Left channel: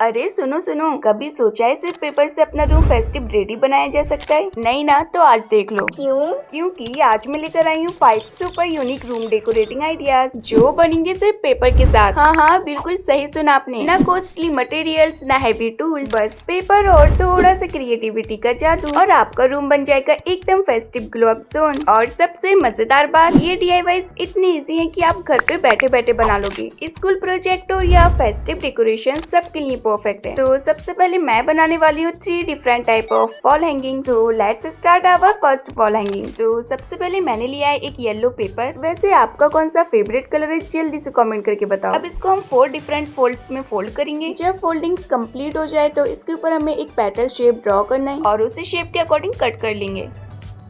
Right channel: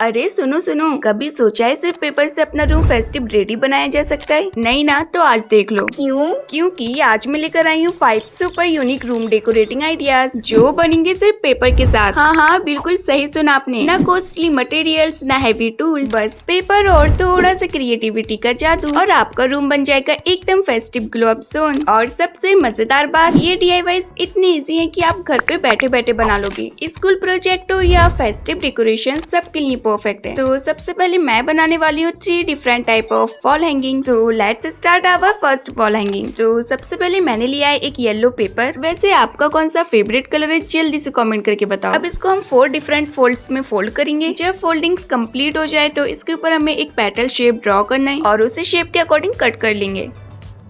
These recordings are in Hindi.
अरे सुनो सुनो, कभी सोचा है सिर्फ पेपर से अपना रूम फेस्टिव रेडी बनाया जा सकता है? नहीं ना, तो आज देख लो। क्यों? क्योंकि आज मैं लेकर आई हूँ 5 super unique room decorating ideas जो बनेंगे सिर्फ पेपर के साथ। हाँ हाँ, बिल्कुल सही सुना आपने। ना कॉस्टली मटेरियल्स, ना हैवी टूल्स, बस पेपर और थोड़ा सा क्रिएटिविटी का जादू और आपका रूम बन जाएगा एकदम फेस्टिव ग्लो अप जोन। और सबसे मजेदार बात, ये DIYs इतनी इजी है कि आप घर पे बैठे बैठे बना लोगे। स्कूल प्रोजेक्ट हो या फेस्टिव डेकोरेशन, सबके लिए परफेक्ट है। तो सबसे पहले मैं बनाने वाली हूँ 3 different type of wall hanging. So let's start our first wall hanging. तो सबसे पहले मैंने लिया है एक येलो पेपर। वैसे आपका कौन सा फेवरेट कलर है, जल्दी से कमेंट करके बताओ। अब इसको हम 4 डिफरेंट फोल्ड्स में फोल्ड करेंगे। जब फोल्डिंग्स कंप्लीट हो जाए तो इसके ऊपर हमें एक पेटल शेप ड्रॉ करना है और उसी शेप के अकॉर्डिंग कट कर लेंगे।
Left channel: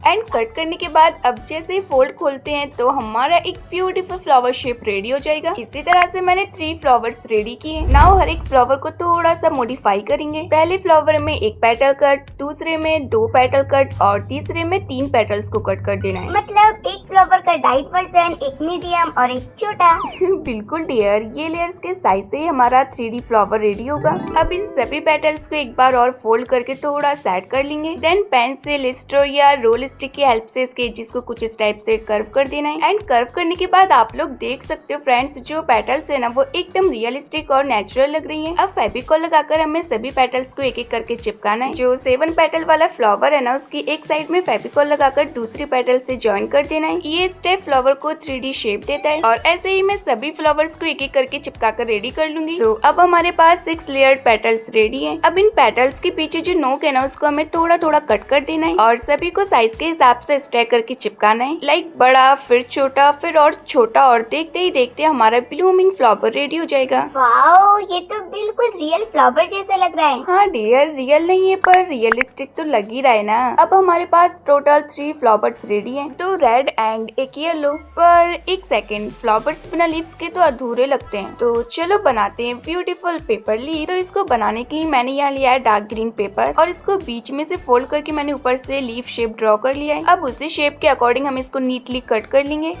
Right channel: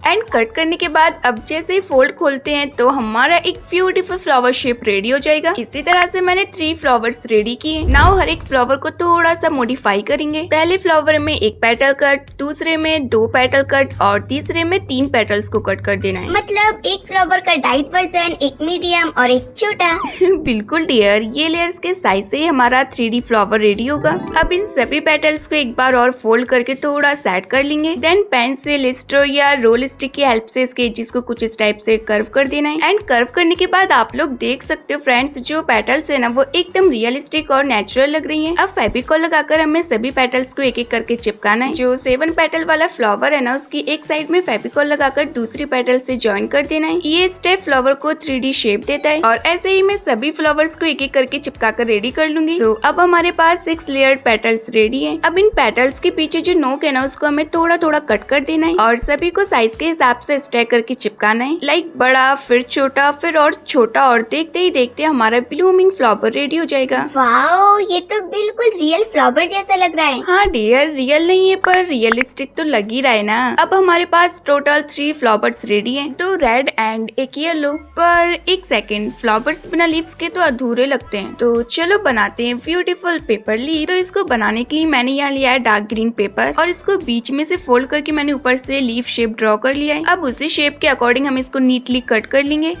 एंड कट करने के बाद अब जैसे फोल्ड खोलते हैं तो हमारा एक ब्यूटीफुल फ्लावर शेप रेडी हो जाएगा। इसी तरह से मैंने 3 फ्लावर्स रेडी किए। नाउ हर एक फ्लावर को थोड़ा सा मॉडिफाई करेंगे। पहले फ्लावर में एक पेटल कट, दूसरे में 2 पेटल कट और तीसरे में 3 पेटल्स को कट कर देना है। मतलब एक फ्लावर का डाइट वर्जन, एक मीडियम और एक छोटा। बिल्कुल डियर, ये लेयर्स के साइज से हमारा 3D फ्लावर रेडी होगा। अब इन सभी पेटल्स को एक बार और फोल्ड करके थोड़ा सेट कर लेंगे। देन पेंसिल, स्ट्रो या रोल स्टिक की हेल्प से इसके एजेस को कुछ इस टाइप से कर्व कर देना है। एंड कर्व करने के बाद आप लोग देख सकते हो फ्रेंड्स, जो पेटल्स है ना वो एकदम रियलिस्टिक और नेचुरल लग रही है। अब फेविकॉल लगाकर हमें सभी पेटल्स को एक एक करके चिपकाना है। जो 7 पेटल वाला फ्लावर है ना, उसकी एक साइड में फेविकॉल लगाकर दूसरी पेटल से ज्वाइन कर देना है। ये स्टेप फ्लावर को 3D शेप देता है और ऐसे ही मैं सभी फ्लावर्स को एक एक करके चिपका कर रेडी कर लूंगी। तो अब हमारे पास 6 लेयर्ड पेटल्स रेडी है। अब इन पेटल्स के पीछे जो नोक है ना, उसको हमें थोड़ा थोड़ा कट कर देना है और सभी को साइज के हिसाब से स्टैक करके चिपकाना है। लाइक बड़ा, फिर छोटा, फिर और छोटा, और देखते ही देखते हमारा ब्लूमिंग फ्लावर रेडी हो जाएगा। वाओ, ये तो बिल्कुल रियल फ्लावर जैसा लग रहा है। हाँ डियर, रियल नहीं है पर रियलिस्टिक तो लग ही रहा है ना। अब हमारे पास टोटल 3 फ्लावर्स रेडी हैं, 2 रेड एंड एक येलो। पर एक सेकेंड, फ्लावर्स बिना लीव्स के तो अधूरे लगते हैं। तो चलो बनाते हैं ब्यूटीफुल पेपर लीफ। तो इसको बनाने के लिए मैंने यहाँ लिया है डार्क ग्रीन पेपर और इसको बीच में से फोल्ड करके मैंने ऊपर से लीफ शेप ड्रॉ कर लिया है। अब उसी शेप के अकॉर्डिंग हम इसको नीटली कट कर लेंगे।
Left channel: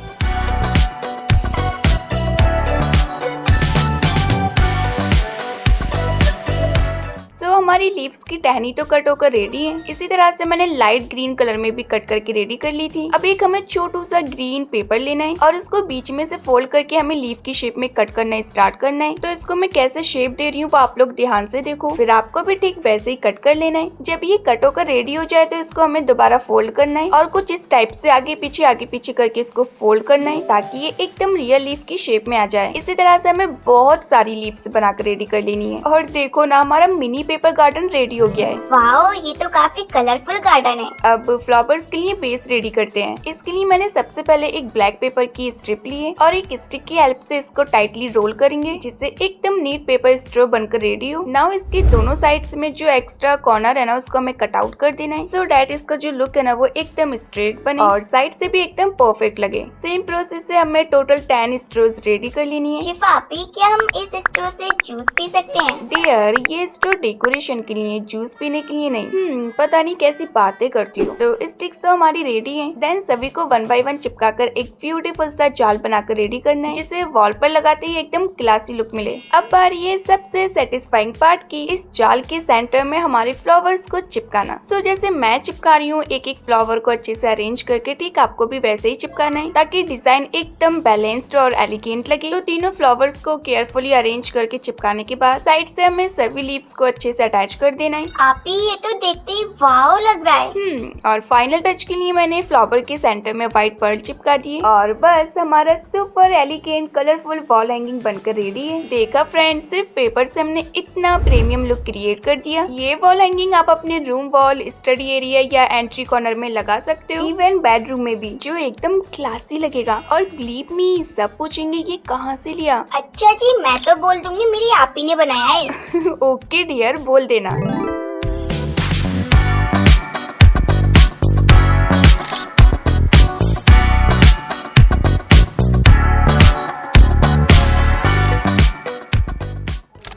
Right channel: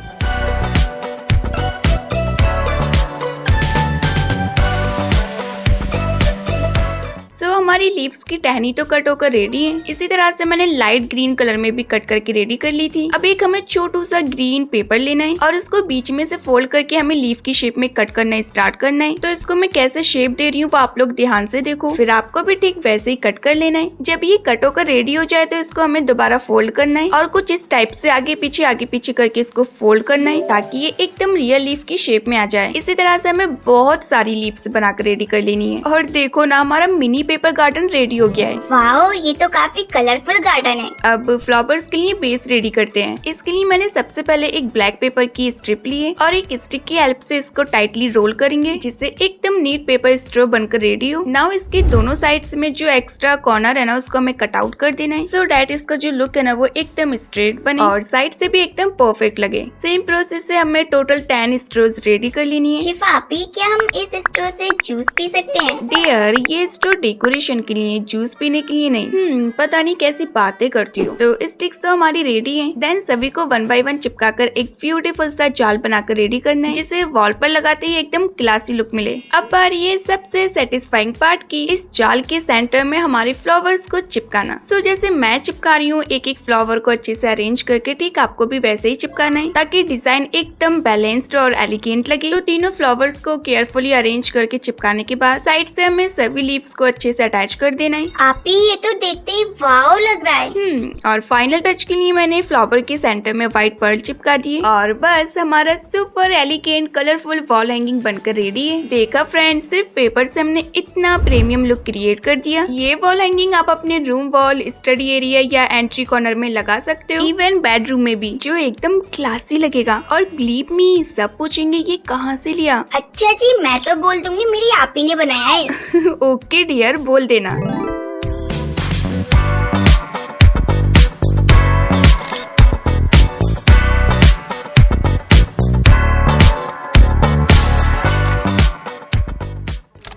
हमारी लीव्स की टहनी तो कट होकर रेडी है। इसी तरह से मैंने लाइट ग्रीन कलर में भी कट करके रेडी कर ली थी। अब एक हमें छोटू सा ग्रीन पेपर लेना है और उसको बीच में से फोल्ड करके हमें लीफ की शेप में कट करना स्टार्ट करना है। तो इसको मैं कैसे शेप दे रही हूँ वो आप लोग ध्यान से देखो, फिर आपको भी ठीक वैसे ही कट कर लेना है। जब ये कट होकर रेडी हो जाए तो इसको हमें दोबारा फोल्ड करना है और कुछ इस टाइप से आगे पीछे करके इसको फोल्ड करना है ताकि ये एकदम रियल लीफ की शेप में आ जाए। इसी तरह से हमें बहुत सारी लीव्स बनाकर रेडी कर लेनी है। और देखो ना, हमारा मिनी पेपर गार्डन रेडी हो गया है। वाओ, ये तो काफी कलरफुल गार्डन है। अब फ्लावर्स के लिए बेस रेडी करते हैं। इसके लिए मैंने सबसे पहले एक ब्लैक पेपर की स्ट्रिप ली है और एक स्टिक की हेल्प से इसको टाइटली रोल करेंगे जिससे एकदम नीट पेपर स्ट्रो बनकर रेडी हो। नाउ इसके दोनों साइड्स में जो एक्स्ट्रा कॉर्नर है ना, उसको हमें कट आउट कर देना है सो डैट इसका जो लुक है ना वो एकदम स्ट्रेट बने और साइड से भी एकदम परफेक्ट लगे। सेम प्रोसेस से हमें टोटल 10 स्ट्रोज रेडी कर लेनी है। शिफा आपी, क्या हम इस स्ट्रो से जूस पी सकते हैं? डियर, ये स्ट्रो डेकोरेशन के लिए, जूस पीने के लिए नहीं। पता नहीं कैसी बातें करती हो। तो स्टिक्स तो हमारी रेडी हैं। देन सभी को 1 बाय 1 चिपकाकर एक ब्यूटीफुल सा जाल बनाकर रेडी करना है जिसे वॉल पर लगाते ही एकदम क्लासी लुक मिले। अब बारी है सबसे सेटिस्फाइंग पार्ट की, इस जाल के सेंटर में हमारे फ्लावर्स को चिपकाना। सो जैसे मैं चिपका रही हूँ एक एक फ्लावर को अच्छे से अरेंज करके, ठीक आपको भी वैसे ही चिपकाना है ताकि डिजाइन एकदम बैलेंस्ड और एलिगेंट लगे। तो तीनों फ्लावर्स को केयरफुली अरेंज करके चिपकाने के बाद साइड से हमें सभी लीव्स को अच्छे से अटैच कर देना है। आपी, ये तो देखते ही वाव लग रहा है। और फाइनल टच के लिए मैंने फ्लावर के सेंटर में व्हाइट पर्ल चिपका दिए और बस हमारा super elegant colourful wall hanging बनकर रेडी है। देखा फ्रेंड्स, सिर्फ पेपर से हमने इतना प्रीमियम लुक क्रिएट कर दिया। ये वॉल हैंगिंग आप अपने रूम वॉल, स्टडी एरिया या एंट्री कॉर्नर में लगा सकते हो, इवन बेडरूम में भी, जो एकदम क्लासी लगेगा। और बिलीव मी, सब पूछेंगे ये कहाँ से लिया। अच्छा जी, मैं तो बोल दूंगी मेरी आपी ने बनाया है। ओके डियर, बोल देना।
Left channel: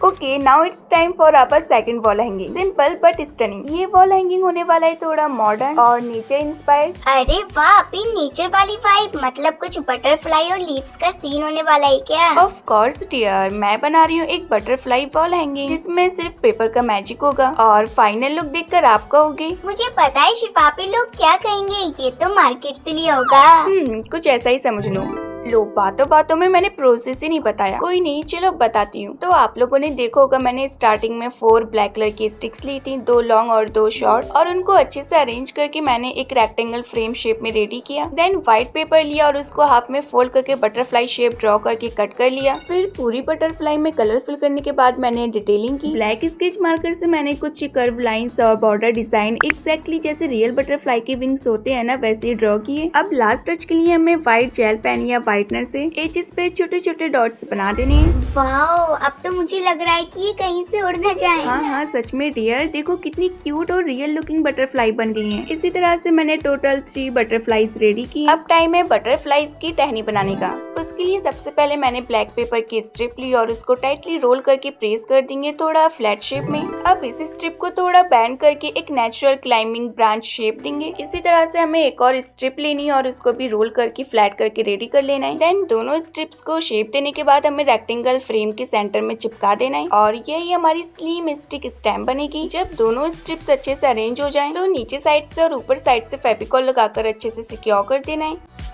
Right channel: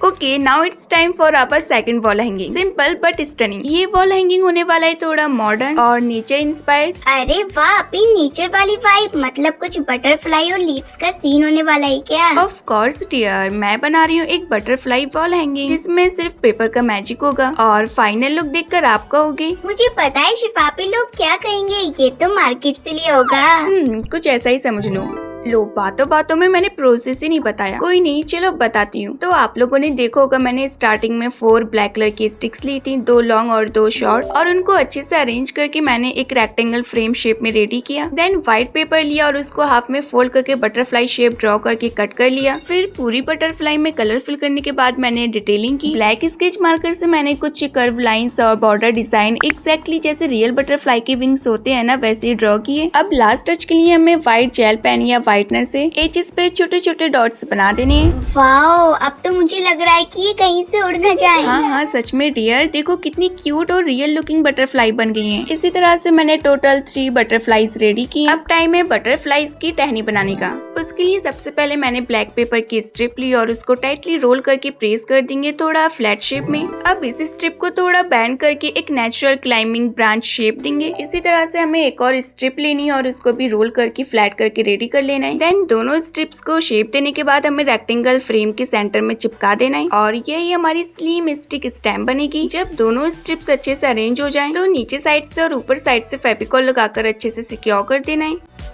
Okay, okay, now it's time for our second wall hanging. Simple but stunning. ये वॉल हैंगिंग होने वाला है थोड़ा मॉडर्न और नेचर इंस्पायर्ड। अरे वाह अपनी नेचर वाली वाइब, मतलब कुछ बटरफ्लाई और लीव्स का सीन होने वाला है क्या? ऑफ कोर्स डियर, मैं बना रही हूँ एक बटरफ्लाई वॉल हैंगिंग जिसमें सिर्फ पेपर का मैजिक होगा और फाइनल लुक देखकर आप कहोगे मुझे पता है शिफापी लोग क्या कहेंगे, ये तो मार्केट से लिया होगा। कुछ ऐसा ही समझ लो बातों बातों में मैंने प्रोसेस ही नहीं बताया। कोई नहीं, चलो बताती हूँ। तो आप लोगों ने देखा होगा मैंने स्टार्टिंग में 4 ब्लैक कलर की स्टिक्स ली थी, 2 लॉन्ग और 2 शॉर्ट, और उनको अच्छे से अरेंज करके मैंने एक रेक्टेंगल फ्रेम शेप में रेडी किया। देन व्हाइट पेपर लिया और उसको हाफ में फोल्ड करके बटरफ्लाई शेप ड्रॉ करके कट कर लिया। फिर पूरी बटरफ्लाई में कलर फिल करने के बाद मैंने डिटेलिंग की। ब्लैक स्केच मार्कर से मैंने कुछ कर्व लाइन्स और बॉर्डर डिजाइन एग्जैक्टली जैसे रियल बटरफ्लाई के विंग्स होते हैं ना, वैसे ड्रॉ किए। अब लास्ट टच के लिए हमें व्हाइट जेल पेन या व्हाइटनर से एजेस पे छोटे छोटे डॉट्स बना देने हैं। वाओ, अब तो मुझे लग रहा है कि ये कहीं से उड़ न जाए। हाँ, सच में डियर, देखो कितनी क्यूट और रियल लुकिंग बटरफ्लाई बन गई हैं। इसी तरह से मैंने टोटल 3 बटरफ्लाईज रेडी की। अब टाइम है बटरफ्लाईज की टहनी बनाने का। उसके लिए सबसे पहले मैंने ब्लैक पेपर की स्ट्रिप ली और उसको टाइटली रोल करके प्रेस कर देंगे थोड़ा फ्लैट शेप में। अब इस स्ट्रिप को थोड़ा बैंड करके एक नेचुरल क्लाइंबिंग ब्रांच शेप देंगे। इसी तरह से हमें एक और स्ट्रिप लेनी है और उसको भी रोल करके फ्लैट करके रेडी कर लेना है। देन दोनों स्ट्रिप्स को शेप देने के बाद हमें रेक्टेंगल फ्रेम के सेंटर में चिपका देना है और यही हमारी स्लिम स्टिक स्टैम्प बनेगी। जब दोनों स्ट्रिप्स अच्छे से अरेंज हो जाएं, तो नीचे साइड से और ऊपर साइड से फेविकॉल लगाकर अच्छे से सिक्योर कर देना है।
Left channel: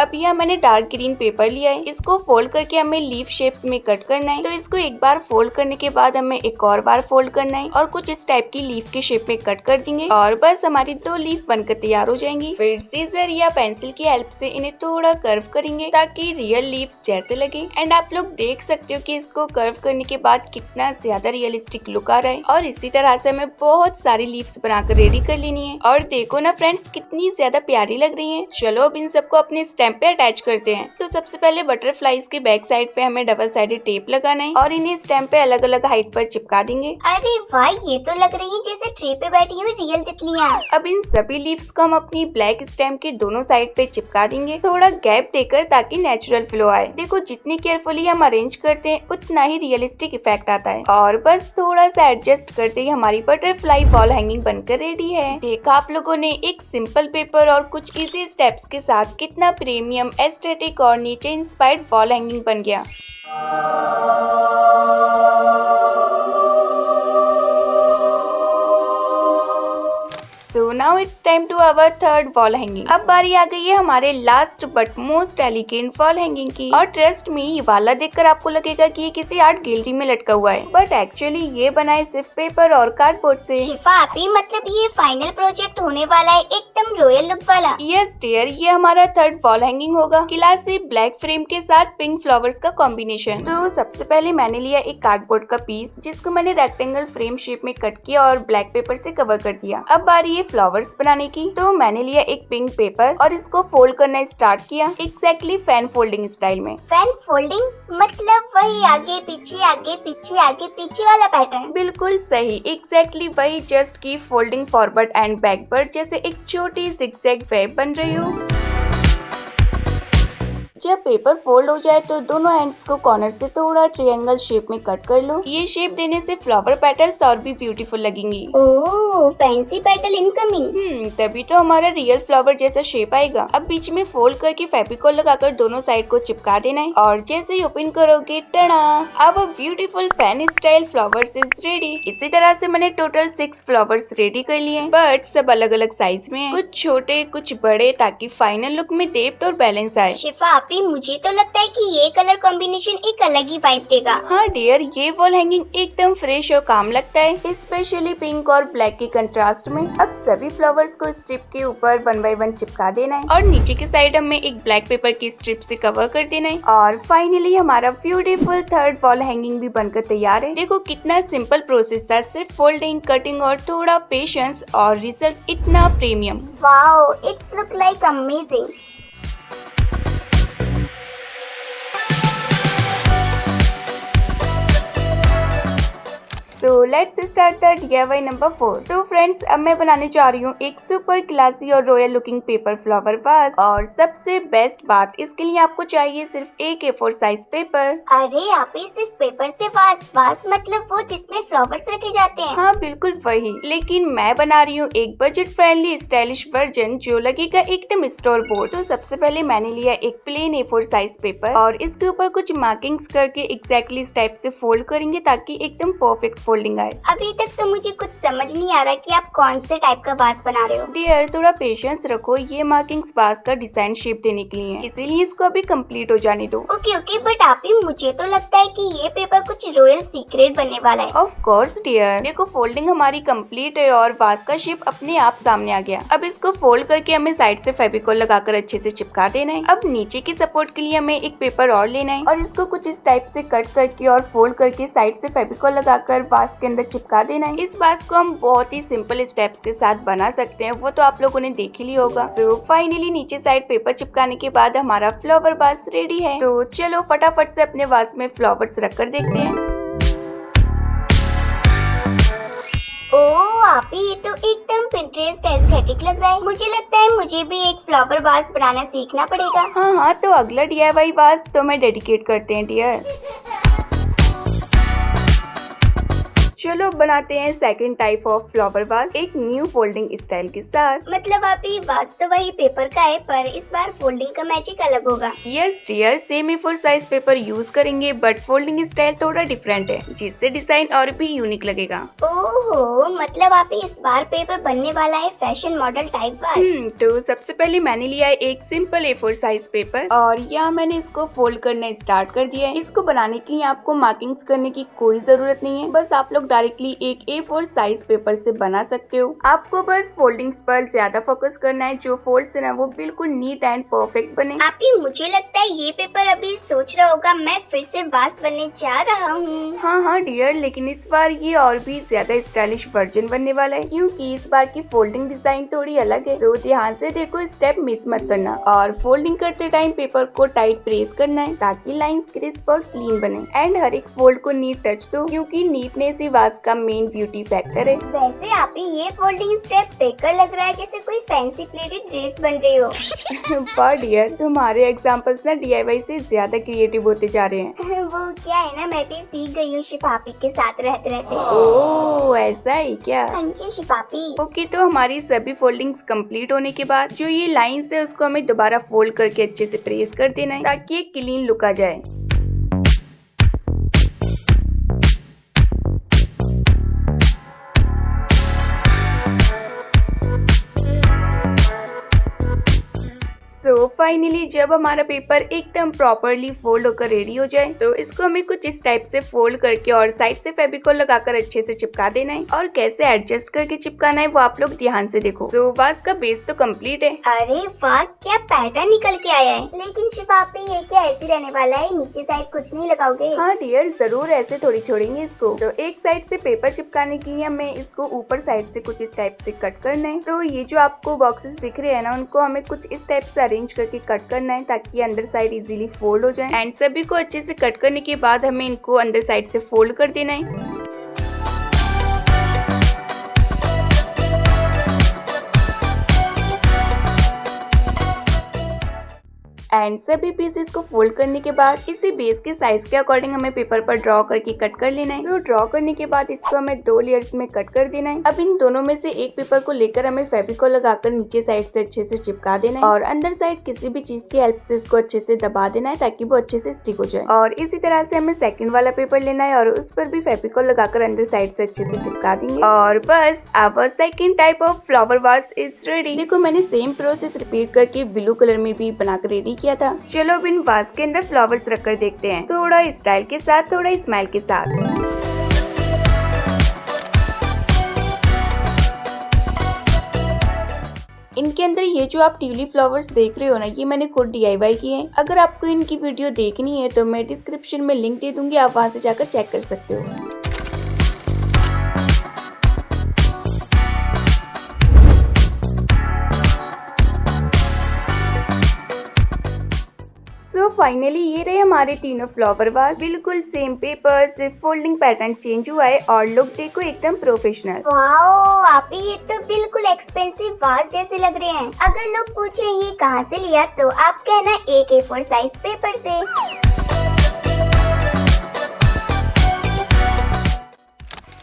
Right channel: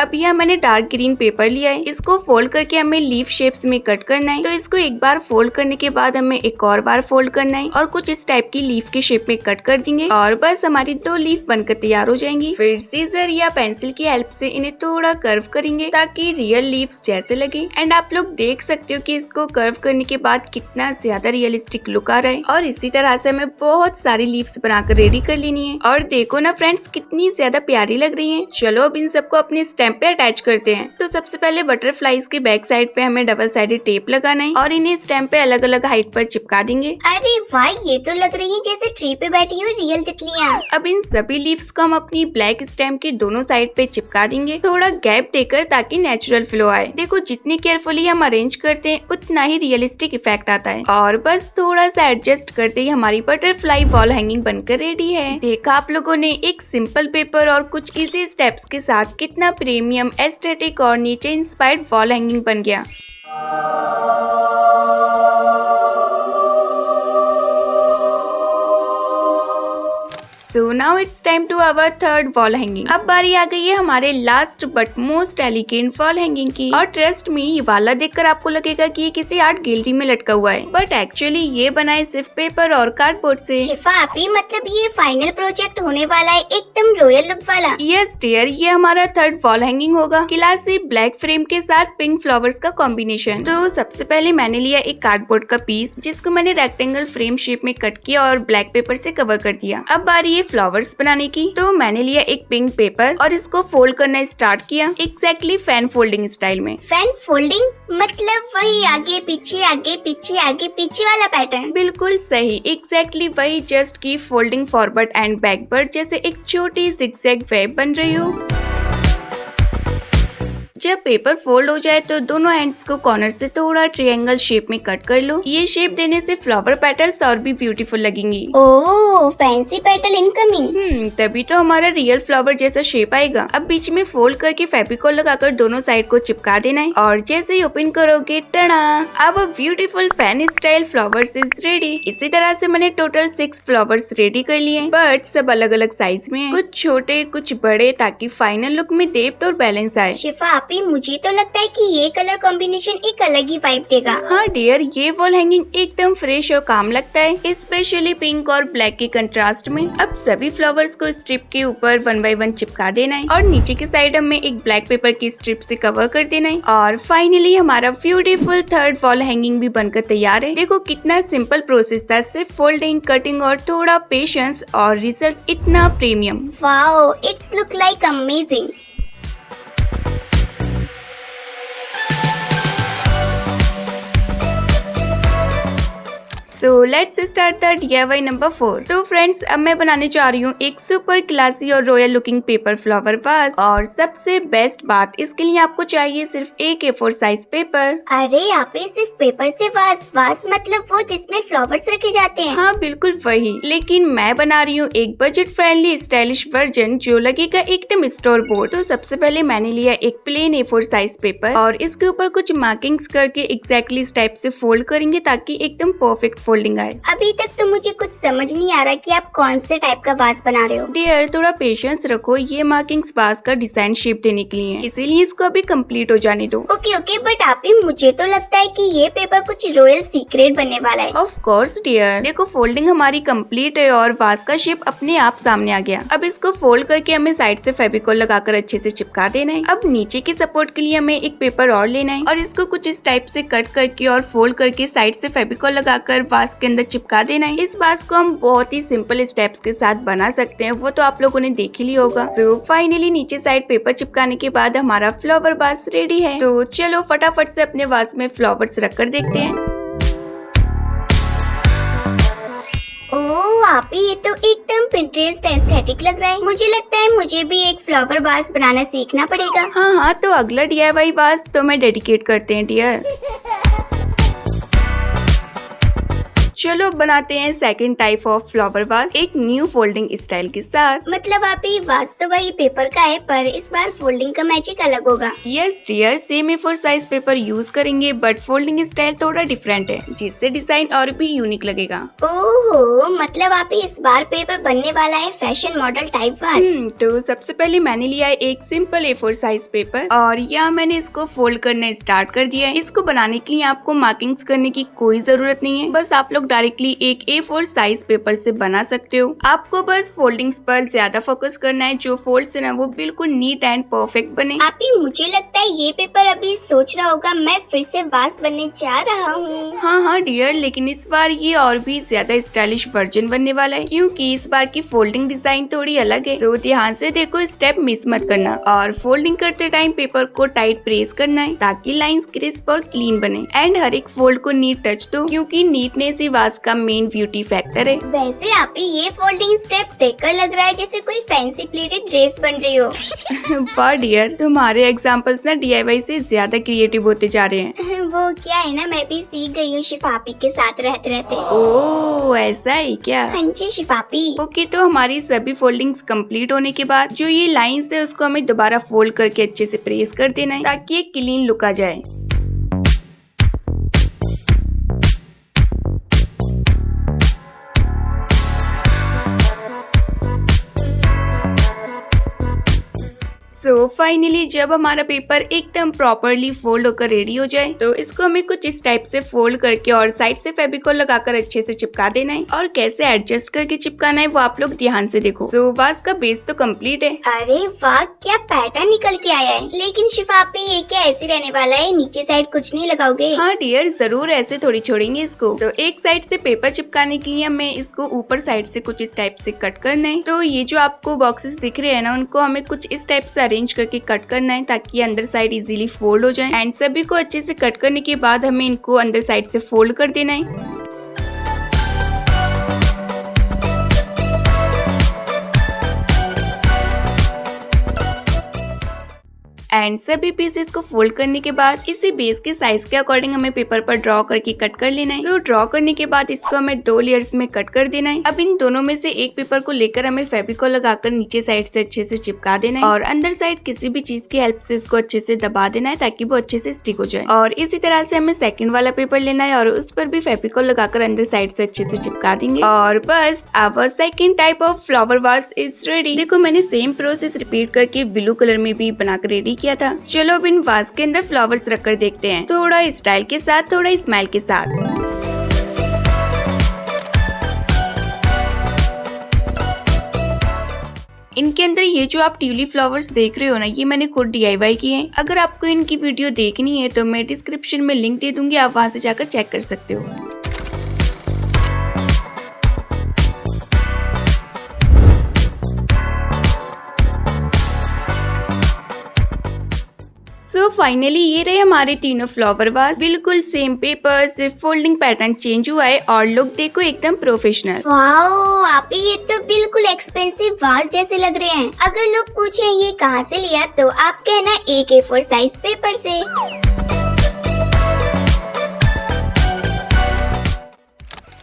अब यह मैंने डार्क ग्रीन पेपर लिया है, इसको फोल्ड करके हमें लीफ शेप्स में कट करना है। तो इसको एक बार फोल्ड करने के बाद हमें एक और बार फोल्ड करना है और कुछ इस टाइप की लीफ के शेप में कट कर देंगे और बस हमारी 2 लीफ बनकर तैयार हो जाएंगी। फिर सीजर या पेंसिल की हेल्प से इन्हें थोड़ा कर्व करेंगे ताकि रियल लीव्स जैसे लगे। एंड आप लोग देख सकते हो कि इसको कर्व करने के बाद कितना ज्यादा रियलिस्टिक लुक आ रहा है। और इसी तरह से हमें बहुत सारी लीव्स बनाकर रेडी कर लेनी है। और देखो ना फ्रेंड्स, कितनी ज्यादा प्यारी लग रही है। चलो अब इन सबको अपने स्टैम्प पे अटैच करते हैं। तो सबसे पहले बटरफ्लाईज के बैक साइड पे हमें डबल साइडेड टेप लगाना है और इन्हें स्टैम्प पे अलग अलग हाइट पर चिपका देंगे। अरे वाह, ये तो लग रही है जैसे ट्रे पे बैठी हुई रियल तितलियां। अब इन सभी लीव्स को हम अपनी ब्लैक स्टैम्प के दोनों साइड पे चिपका देंगे, थोड़ा गैप देकर ताकि नेचुरल फ्लो आए। देखो जितनी केयरफुली हम अरेंज करते हैं उतना ही रियलिस्टिक इफेक्ट आता है। और बस थोड़ा सा एडजस्ट करते ही हमारी बटरफ्लाई वॉल हैंगिंग बनकर रेडी है। देखा आप लोगों ने, एक सिंपल पेपर और कुछ इजी स्टेप्स के साथ कितना प्रीमियम एस्थेटिक और नीचे इंस्पायर्ड वॉल हैंगिंग बन गया। So now it's time to our third wall hanging। अब बारी आ गई है हमारे last but most elegant wall hanging की। और ट्रस्ट मी, ये वाला देखकर आपको लगेगा कि ये किसी आर्ट गैलरी में लटका हुआ है, बट एक्चुअली ये बना है सिर्फ पेपर और कार्डबोर्ड से। शिफा आपी, मतलब ये फाइनल प्रोजेक्ट होने वाला है एकदम रॉयल लुक वाला। यस डियर, ये हमारा थर्ड वॉल हैंगिंग होगा। क्लासी ब्लैक फ्रेम के साथ पिंक फ्लावर्स का कॉम्बिनेशन। तो सबसे पहले मैंने लिया एक कार्डबोर्ड का पीस जिसको मैंने रेक्टेंगल फ्रेम शेप में कट किया और ब्लैक पेपर से कवर कर दिया। अब बारी फ्लावर्स बनाने की। तो मैंने लिया एक पिंक पेपर और इसको फोल्ड करना स्टार्ट किया एग्जैक्टली फैन फोल्डिंग स्टाइल में। फैन फोल्डिंग मतलब वही आगे पीछे वाला पैटर्न? बिल्कुल सही, एग्जैक्टली वही, जस्ट की फोल्डिंग फॉरवर्ड एंड बैकवर्ड जैसे एक छोटी जिगजैग वेव बन रही हो। जब पेपर फोल्ड हो जाए तो दोनों एंड्स को कॉर्नर से थोड़ा ट्रायंगल शेप में कट कर लो। ये शेप देने से फ्लावर पेटल्स और भी ब्यूटीफुल लगेंगी। ओह, फैंसी पेटल इनकमिंग। तभी तो हमारा रियल फ्लावर जैसा शेप आएगा। अब बीच में फोल्ड करके फेविकॉल लगाकर दोनों साइड को चिपका देना है और जैसे ही ओपन करोगे, टड़ा, अब beautiful fan style flowers is ready. इसी तरह से मैंने टोटल 6 फ्लावर्स रेडी कर लिए, बट सब अलग अलग साइज में है, कुछ छोटे कुछ बड़े, ताकि फाइनल लुक में डेप्थ और बैलेंस आए। शिफा मुझे तो लगता है कि ये कलर कॉम्बिनेशन एक अलग ही वाइब देगा। हाँ डियर, ये वॉल हैंगिंग एकदम फ्रेश और काम लगता है, स्पेशली पिंक और ब्लैक के कंट्रास्ट में। अब सभी फ्लावर्स को स्ट्रिप के ऊपर 1 बाय 1 चिपका देना है और नीचे की साइड हमें एक ब्लैक पेपर की स्ट्रिप से कवर कर देना है। और फाइनली हमारा ब्यूटीफुल थर्ड वॉल हैंगिंग भी बनकर तैयार है। देखो कितना सिंपल प्रोसेस था, सिर्फ फोल्डिंग, कटिंग और थोड़ा पेशेंस और रिजल्ट इतना premium. Wow, it's look like amazing. So let's start the DIY number 4। तो फ्रेंड्स, अब मैं बनाने जा रही हूँ एक सुपर क्लासी और royal looking paper flower vase. और सबसे बेस्ट बात, इसके लिए आपको चाहिए सिर्फ एक A4 साइज पेपर। अरे आप ही सिर्फ पेपर से वास मतलब वो जिसमें फ्लावर्स रखे जाते हैं। हाँ बिल्कुल वही, लेकिन मैं बना रही हूँ एक बजट फ्रेंडली स्टाइलिश वर्जन जो लगेगा एकदम स्टोर बोर्ड। तो सबसे पहले मैंने लिया एक प्लेन A4 साइज पेपर और इसके ऊपर कुछ मार्किंग्स करके एग्जैक्टली इस टाइप से फोल्ड करेंगे ताकि एकदम परफेक्ट फोल्डिंग आए। अभी तक तो मुझे कुछ समझ नहीं आ रहा कि आप कौन से टाइप का वास बना रहे हो। डियर, थोड़ा पेशेंस रखो, ये मार्किंग्स वास का डिजाइन शेप देने के लिए है, इसीलिए इसको अभी कंप्लीट हो जाने दो। ओके बट आप ही, मुझे तो लगता है कि ये पेपर कुछ रॉयल सीक्रेट बनने वाला है। ऑफ कोर्स डियर, देखो फोल्डिंग हमारी कंप्लीट है और वास का शेप अपने आप सामने आ गया। अब इसको फोल्ड करके हमें साइड से फेविकॉल लगाकर अच्छे से चिपका देना है। अब नीचे की सपोर्ट के लिए हमें एक पेपर और लेना है और इसको कुछ इस टाइप से कट करके और फोल्ड करके साइड से फेविकॉल लगाकर वास के अंदर चिपका देना है। इस वास को हम बहुत ही सिंपल स्टेप्स के साथ बना सकते हैं, वो तो आप लोगों ने देख ही लिया होगा। सो फाइनली नीचे साइड पेपर चिपकाने के बाद हमारा फ्लावर वास रेडी है। तो चलो फटाफट से अपने वास में फ्लावर्स रखकर देखते हैं। ओह आप ही, ये तो एकदम पिंटरेस्ट एस्थेटिक लग रहा है। मुझे लगता है मुझे भी एक फ्लावर वास बनाना सीखना पड़ेगा। हाँ, तो अगला DIY वास तो मैं डेडिकेट करते हैं डियर। चलो बनाते हैं सेकंड टाइप ऑफ फ्लावर वास एक न्यू फोल्डिंग स्टाइल के साथ। मतलब आप ही, वास तो वही पेपर का है पर इस बार फोल्डिंग का मैजिक अलग होगा। Yes dear, same A4 size paper use करेंगे बट फोल्डिंग स्टाइल थोड़ा डिफरेंट है, जिससे डिजाइन और भी यूनिक लगेगा। ओहो, मतलब आप ही, इस बार पेपर बनने वाला है फैशन मॉडल टाइप वास। तो सबसे पहले मैंने लिया है एक सिंपल A4 साइज पेपर और यहाँ मैंने इसको फोल्ड करना स्टार्ट कर दिया है। इसको बनाने के लिए आपको मार्किंग्स करने की कोई जरूरत नहीं है, बस आप लोग डायरेक्टली एक A4 साइज पेपर से बना सकते हो। आपको बस फोल्डिंग्स पर ज्यादा फोकस करना है, जो फोल्ड्स है ना वो बिल्कुल नीट एंड परफेक्ट बने। आप ही, मुझे लगता है ये पेपर अभी सोच रहा होगा मैं फिर से वास बनने जा रहा हूँ। हाँ डियर, लेकिन इस बार ये और भी ज्यादा स्टाइलिश वर्जन बनने वाला है, क्योंकि इस बार की फोल्डिंग डिजाइन थोड़ी अलग है। सो ध्यान से देखो, स्टेप मिस मत करना और फोल्डिंग करते टाइम पेपर को टाइट प्रेस करना है ताकि लाइंस क्रिस्प और क्लीन बने। एंड हर एक फोल्ड को नीट टच दो, क्योंकि नीटनेस ही वास का मेन ब्यूटी फैक्टर है। वैसे आप ही, ये फोल्डिंग स्टेप्स देखकर लग रहा है जैसे कोई फैंसी प्लेटेड ड्रेस बन रही हो। वाह डियर, तुम्हारे एग्जाम्पल्स ना DIY से ज्यादा क्रिएटिव होते जा रहे हैं। वो क्या है ना, मैं भी सीख गई हूँ शिफापी के साथ रहते रहते। ओह ऐसा है क्या? हाँ जी शिफापी। ओके, तो हमारी सभी फोल्डिंग्स कंप्लीट होने के बाद जो ये लाइंस है उसको हमें दोबारा फोल्ड करके अच्छे से प्रेस कर देना है ताकि एक क्लीन लुक आ जाए। सो फाइनली जब हमारा पेपर एकदम प्रॉपरली फोल्ड होकर रेडी हो जाए तो इसको हमें कुछ इस टाइप से फोल्ड करके और साइड से फेविकॉल लगाकर अच्छे से चिपका देना है। और कैसे एडजस्ट करके चिपकाना है वो आप लोग ध्यान से देखो। सो वास का बेस तो कंप्लीट है। अरे वाह, क्या पैटर्न निकल के आया है। लेकिन शिफापी, ये क्या ऐसे रहने वाला है, नीचे साइड कुछ नहीं लगाओगे? हाँ डियर, जरूर, ऐसे थोड़ी छोड़ेंगे इसको। तो एक साइड से पेपर चिपकाने के लिए हमें इसको ऊपर साइड से कुछ इस टाइप से कट करना है। तो ये जो आपको बॉक्सेस दिख रहे हैं ना, उनको हमें कुछ इस टाइप से अरेंज करके कट करना है ताकि अंदर साइड इजीली फोल्ड हो जाए। एंड सभी को अच्छे से कट करने के बाद हमें इनको अंदर साइड से फोल्ड कर देना है। एंड सभी पीसेस को फोल्ड करने के बाद इसी बेस के साइज के अकॉर्डिंग हमें पेपर पर ड्रॉ करके कट कर लेना है। सो ड्रॉ करने के बाद इसको हमें 2 लेयर्स में कट कर देना है। अब इन दोनों में से एक पेपर को लेकर हमें फेविकॉल लगाकर नीचे साइड से अच्छे से चिपका देना है और अंदर साइड किसी भी चीज की हेल्प से इसको अच्छे से दबा देना है ताकि वो अच्छे से स्टिक हो जाए। और इसी तरह से हमें सेकंड वाला पेपर लेना है और उस पर भी फेविकॉल लगाकर अंदर साइड से अच्छे से चिपका देंगे। और बस our second type of flower vase is ready. देखो, मैंने सेम प्रोसेस रिपीट करके ब्लू कलर में भी बनाकर रेडी किया था। चलो अब इन वास के अंदर फ्लावर्स रखकर देखते हैं, थोड़ा स्टाइल के साथ, थोड़ा स्माइल के साथ। इनके अंदर ये जो आप ट्यूलिप फ्लावर्स देख रहे हो ना, ये मैंने खुद DIY किए हैं। अगर आपको इनकी वीडियो देखनी है तो मैं डिस्क्रिप्शन में लिंक दे दूंगी, आप वहां से जाकर चेक कर सकते हो। सो फाइनली ये रहे हमारे तीनों फ्लावर वास। बिल्कुल सेम पेपर, सिर्फ फोल्डिंग पैटर्न चेंज हुआ है और लुक देखो एकदम प्रोफेशनल। वाओ आप ये तो बिल्कुल एक्सपेंसिव वाज जैसे लग रहे हैं। अगर लोग पूछे ये कहाँ से लिया तो आप कहना एक A4 साइज पेपर से।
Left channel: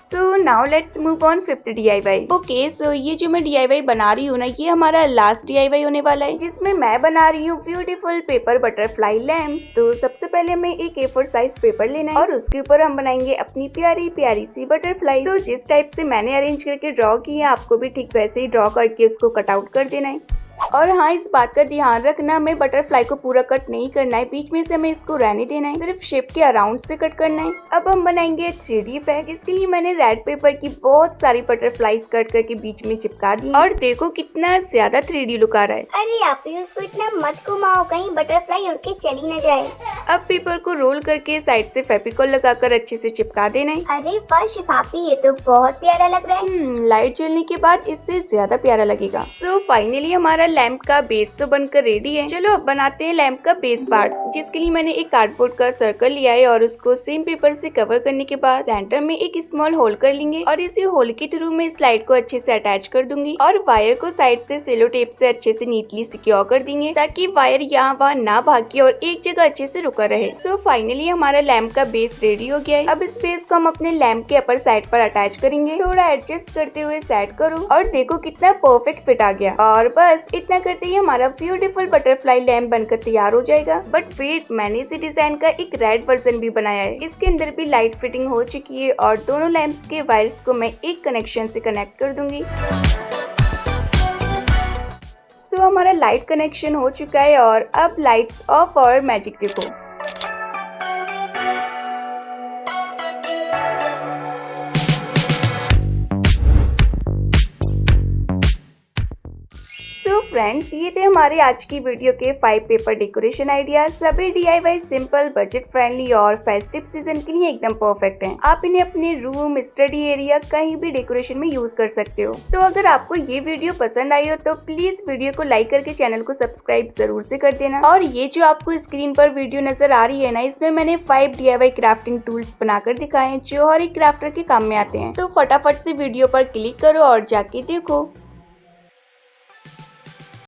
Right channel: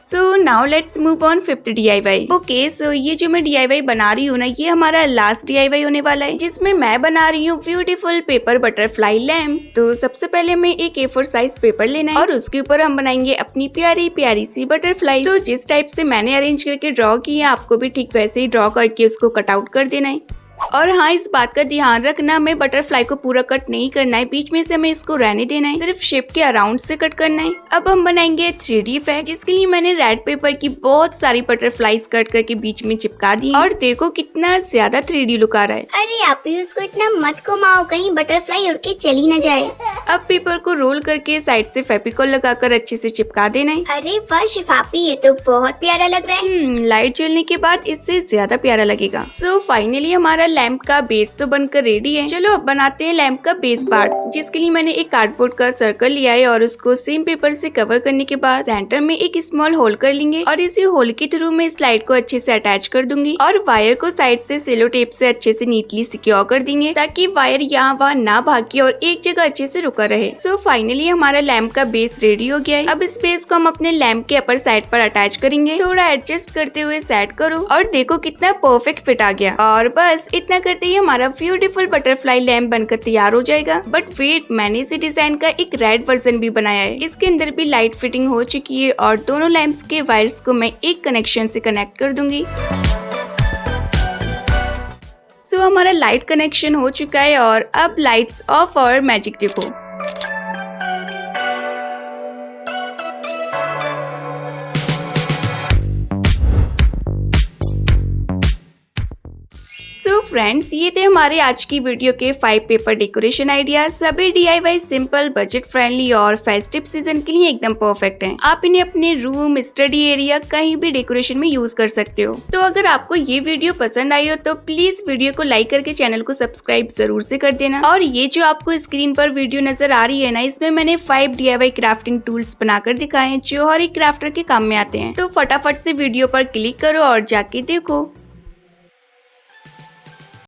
So now let's move on fifth DIY। Okay so ये जो मैं DIY बना रही हूँ ना, ये हमारा लास्ट DIY होने वाला है, जिसमें मैं बना रही हूँ ब्यूटीफुल पेपर बटरफ्लाई लैम्प। तो सबसे पहले हमें एक A4 साइज पेपर लेना है और उसके ऊपर हम बनाएंगे अपनी प्यारी प्यारी सी बटरफ्लाई। तो जिस टाइप से मैंने अरेंज करके ड्रॉ की है, आपको भी ठीक वैसे ही ड्रॉ करके उसको कट आउट कर देना है। और हाँ, इस बात का ध्यान रखना, हमें बटरफ्लाई को पूरा कट नहीं करना है, बीच में से हमें इसको रहने देना है, सिर्फ शेप के अराउंड से कट करना है। अब हम बनाएंगे 3D इफेक्ट, जिसके लिए मैंने रेड पेपर की बहुत सारी बटरफ्लाईज कट करके बीच में चिपका दी और देखो कितना ज्यादा 3D लुक आ रहा है। अरे आप ही उसको इतना मत घुमाओ, कहीं बटरफ्लाई उड़ के चली न जाए। अब पेपर को रोल करके साइड से फेविकोल लगाकर अच्छे से चिपका देना है। अरे वाह शिफापी, ये तो बहुत प्यारा लग रहा है। लाइट जलने के बाद इससे ज्यादा प्यारा लगेगा। सो फाइनली हमारा लैंप का बेस तो बनकर रेडी है। चलो अब बनाते हैं लैंप का बेस पार्ट, जिसके लिए मैंने एक कार्डबोर्ड का सर्कल लिया है और उसको सेम पेपर से कवर करने के बाद सेंटर में एक स्मॉल होल कर लेंगे और इसी होल के थ्रू मैं इस लाइट को अच्छे से अटैच कर दूंगी और वायर को साइड से सेलो टेप से अच्छे से नीटली सिक्योर कर देंगे, ताकि वायर यहाँ वहाँ ना भागे और एक जगह अच्छे से रुका रहे। सो फाइनली हमारा लैंप का बेस रेडी हो गया है। अब इस बेस को हम अपने लैंप के अपर साइड पर अटैच करेंगे। थोड़ा एडजस्ट करते हुए सेट करो और देखो कितना परफेक्ट फिट आ गया। और बस इतना करते ही हमारा ब्यूटीफुल बटरफ्लाई लैम्प बनकर तैयार हो जाएगा। बट वेट, मैंने इसी डिजाइन का एक रेड वर्जन भी बनाया है। इसके अंदर भी लाइट फिटिंग हो चुकी है और दोनों लैंप्स के वायर्स को मैं एक कनेक्शन से कनेक्ट कर दूंगी। सो हमारा लाइट कनेक्शन हो चुका है और अब लाइट्स ऑफ और मैजिक देखो। फ्रेंड्स, ये थे हमारे आज की वीडियो के 5 पेपर डेकोरेशन आइडियाज। सभी DIY सिंपल, बजट फ्रेंडली और फेस्टिव सीजन के लिए एकदम परफेक्ट हैं। आप इन्हें अपने रूम, स्टडी एरिया, कहीं भी डेकोरेशन में यूज कर सकते हो। तो अगर आपको ये वीडियो पसंद आई हो तो प्लीज वीडियो को लाइक करके चैनल को सब्सक्राइब जरूर से कर देना। और ये जो आपको स्क्रीन पर वीडियो नजर आ रही है ना, इसमें मैंने 5 DIY क्राफ्टिंग टूल्स बनाकर दिखाए हैं, जो हर एक क्राफ्टर के काम में आते हैं। तो फटाफट से वीडियो पर क्लिक करो और जाके देखो।